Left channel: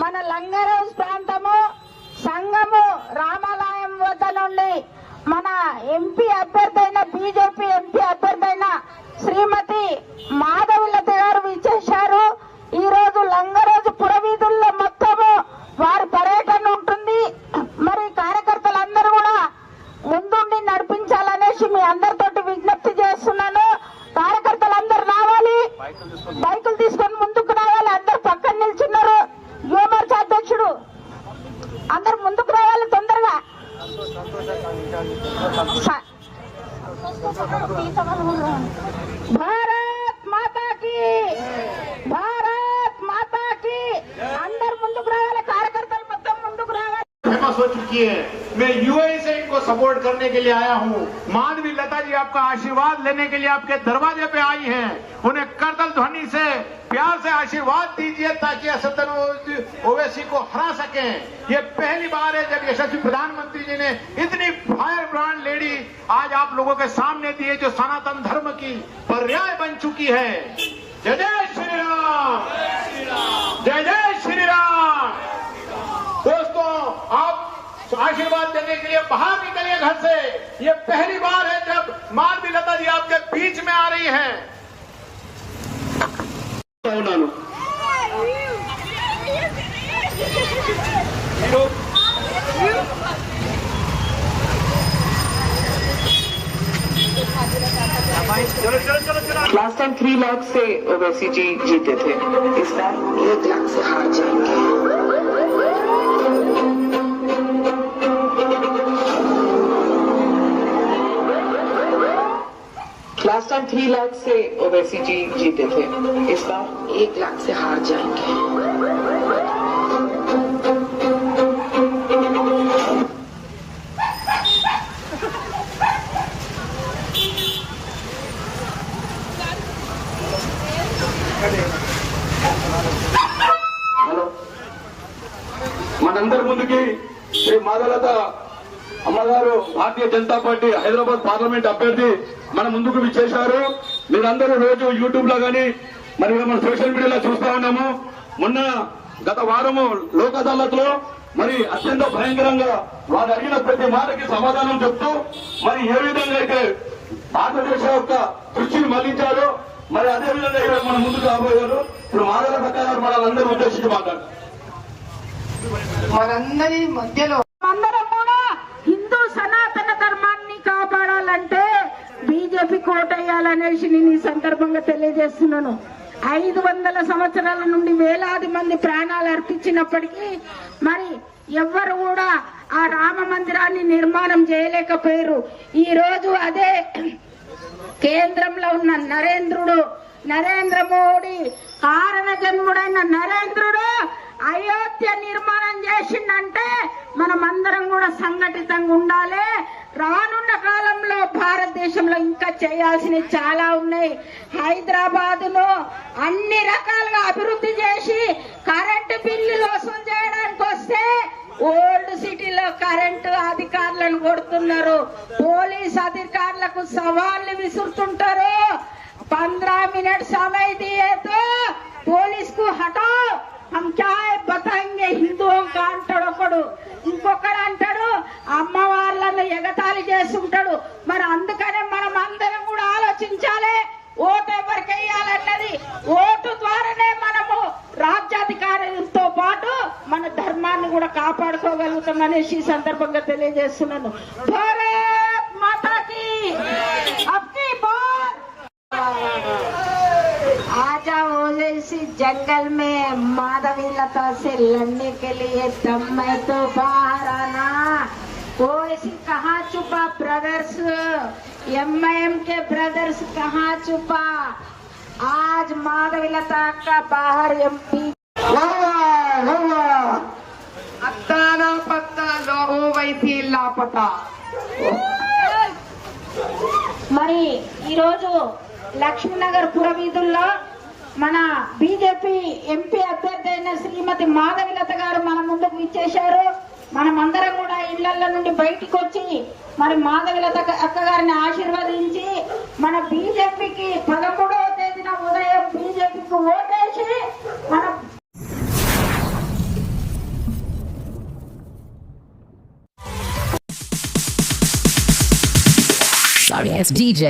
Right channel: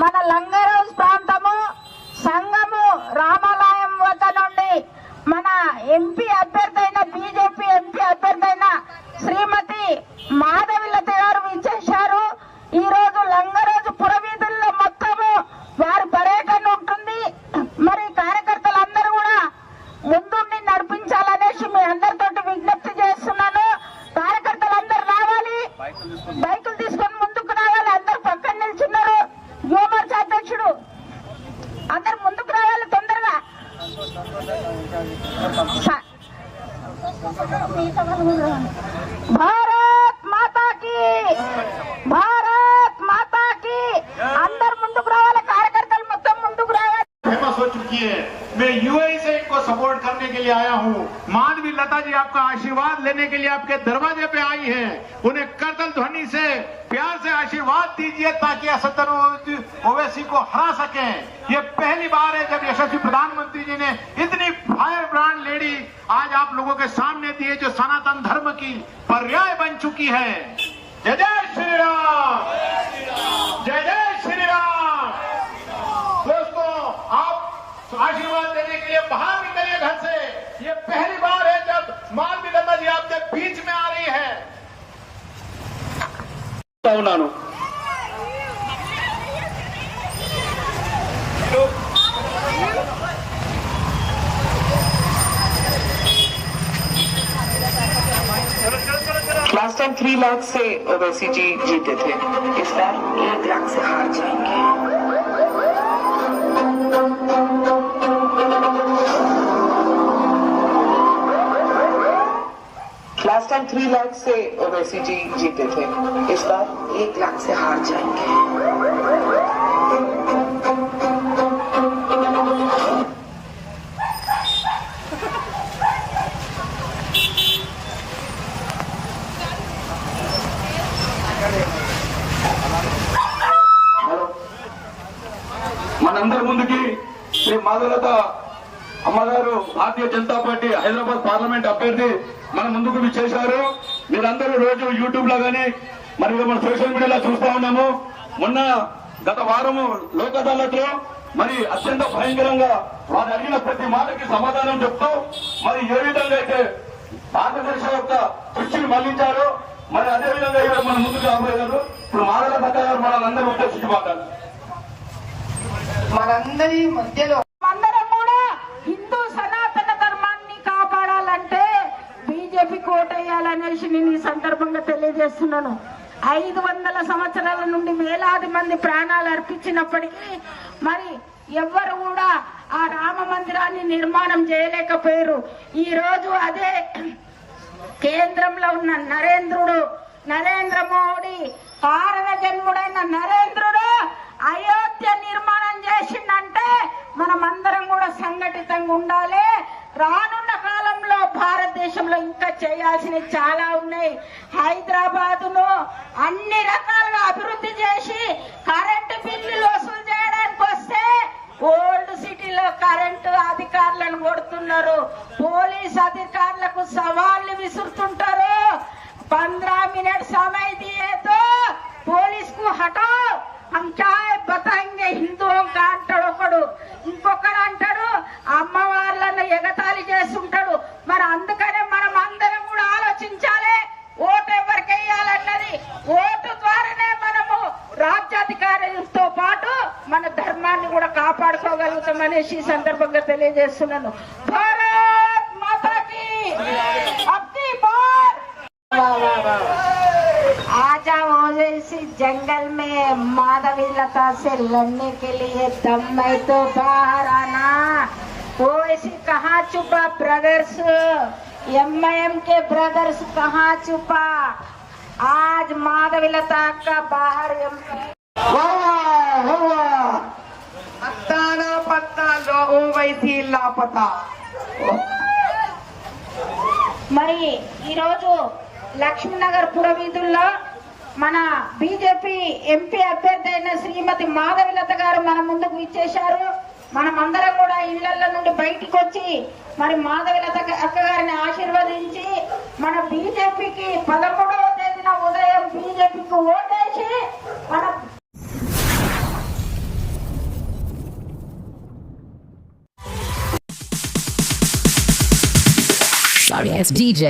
మన లంగరోజ్ ప్రాంతము సంఘము రామాలయం వద్ద నుండి మన ఎంపీ అభ్యర్థి అయిన బీజేపీ ఎంపీ అభ్యర్థి అయిన శ్రీమతి మాధవిలత గారు విచ్చేశారు. ఈ రోజు లంగరోజు పురవీధుల్లో మొత్తము వారి పర్యటన ఉంటుంది. మరి కార్యకర్తలందరూ కూడా ముందుండి నడిపించాలనేసి మీ అందరితోటి విజ్ఞప్తి చేస్తున్నాను. కార్యకర్తలందరూ రావాలి. భారత్ మాతాకి భారత్ మాతాకి అందరు ముందుకు రావాలి కార్యకర్తలు మొత్తం ముందుకు రావాలి फेमस हो चुकी है मैं यूएई इनको सपोर्ट करने के लिए आया हूँ। माधवी लता जी आपका आशीर्वाद लेने के लिए आपके दरवाजे पे आई हैं। उन्हें करतल ध्वनि से प्यार से आशीर्वाद दीजिए ताकि असदन ओवैसी को हरा सकें। ये पहली बार है जब यशस्वी प्रधानमंत्री जी ने इतनी फायर ब्रांड लेडी आज आप लोगों के सामने दी है जो सनातन धर्म की पर्याय बन चुकी है। जय जय श्री राम। जय जय श्री राम दोस्तों आप करने के लिए बाहर निकलिए घर से। ये पहली बार है जब मालवी लता जी आपके बीच में आ रही है। लास्ट टाइम थ्री लाख से ओवैसी जी जीते थे। इस बार एक लाख से हार जाएँगे। लास्ट टाइम थ्री लाख से ओवैसी जी जीते थे इस बार एक लाख से हार जाएंगे మనందరి ముందుకి శ్రీ మాధవలత అమ్మగారు భారతీయ జనతా పార్టీ హైదరాబాద్ పార్లమెంట్ అభ్యర్థి మన ముందుకు చేశారు. మీరందరూ రోజు యూట్యూబ్లో గానీ మరి మన సోషల్ మీడియాలో చూస్తూ ఉన్నాము. మొన్న గత వారము లోక్ అదాలత్లో మరి అత్యంత భయంకరంగా వారు అడిగిన ప్రతి మాటకి సమాధానం చెప్తూ మరి ఏ విధంగా అయితే భారతదేశం యొక్క దృష్టిని మళ్ళించారో మరి అదే విధంగా ఇక్కడ మన ముందుకు రాబోయారు ఇప్పుడు మాధవలత గారు మనల్ని ఉద్దేశించి మాట్లాడారు మనందరి మధ్యలో అందరం కూడా హిందూ సనాతన ధర్మాన్ని కాపాడాలంటే ఓటేయాలనేసి కోటేయాలనేసి నేను ఈ సందర్భంగా తెలియజేస్తున్నాను. ఐదు వందల సంవత్సరాల నుండి వేలాది మంది ప్రాణాలు అర్పించినప్పటికీ మరి ఎవ్వరు కూడా ఆ రామ మందిరాన్ని నిర్మాణం చేయలేకపోయారు. ఈ రోజు అదే కేంద్రంలో ఉన్న నరేంద్రుడు నరేంద్ర మోడీ కారణ జన్ముడైన నరేంద్రుడు అయోధ్య నిర్మాణం చేసిండంటే మనమందరం కూడా సంఘటితంగా ఉండాలి. రానున్న కాలంలో భారతదేశంలో ఇంకా చేయాల్సినవి చాలా ఉన్నాయి. హైదరాబాదును అన్ని రకాలుగా అభివృద్ధి చేసి కరెంటు బిల్లులు వసూలు చేయడానికి వస్తే ఓల్డ్ సిటీలో కరెంటు అధికారులను కొడుతున్నారు. పోలీస్ అధికారులకు సవాళ్ళు విసురుతుంటారు. పంద్రా మినిట్ సమయ పోలీస్ పోలీస్కు హఠాత్ हम क्या है बताएंगे हिंदुओं का అంటాడు ఒకడు ఇంకొకడు అంటాడు అమ్మ వాళ్ళను ఎగతాళి చేస్తుంటాడు మరి అందుకనే మనం అందరం కూడా ఆలోచించాలి ఓటు ఎవరికి వేయాలన్నది ఓటు ద్వారానే మనము రాజ్యాధికారం తో పాటు మన ధర్మాన్ని కూడా కాపాడుకోగలుగుతామనేసి ఈ సందర్భంగా తెలియజేస్తున్నాను భారత్ మాతాకి ओवैसी जंगल में माधवी लता से लड़ने के लिए दम में तो बाहर आना ओवैसी कहाँ छुपा ब्रदर्स एमआईएम के ब्रदर्स कहाँ छुपा आज माधवी लता का बाहर एमपी अत्ताना पत्ता लो ओवैसी लापता మరి ఈరోజు లక్ష్మీనగర్ పురవీధుల్లో మన బీజేపీ ఎంపీ అభ్యర్థి అయిన శ్రీమతి మాధవిలత గారు మన ముందుకు ఇచ్చేశారు మనమందరం కూడా ఇళ్ళ నుండి బయటికి వచ్చి మరి మాధవిలత అక్క గారిని ఆశీర్వదించి మన బీజేపీకి పదమూడవ తేదీన ఉదయం బీజేపీకి ఓటేసి మన Sorry, it's DJ.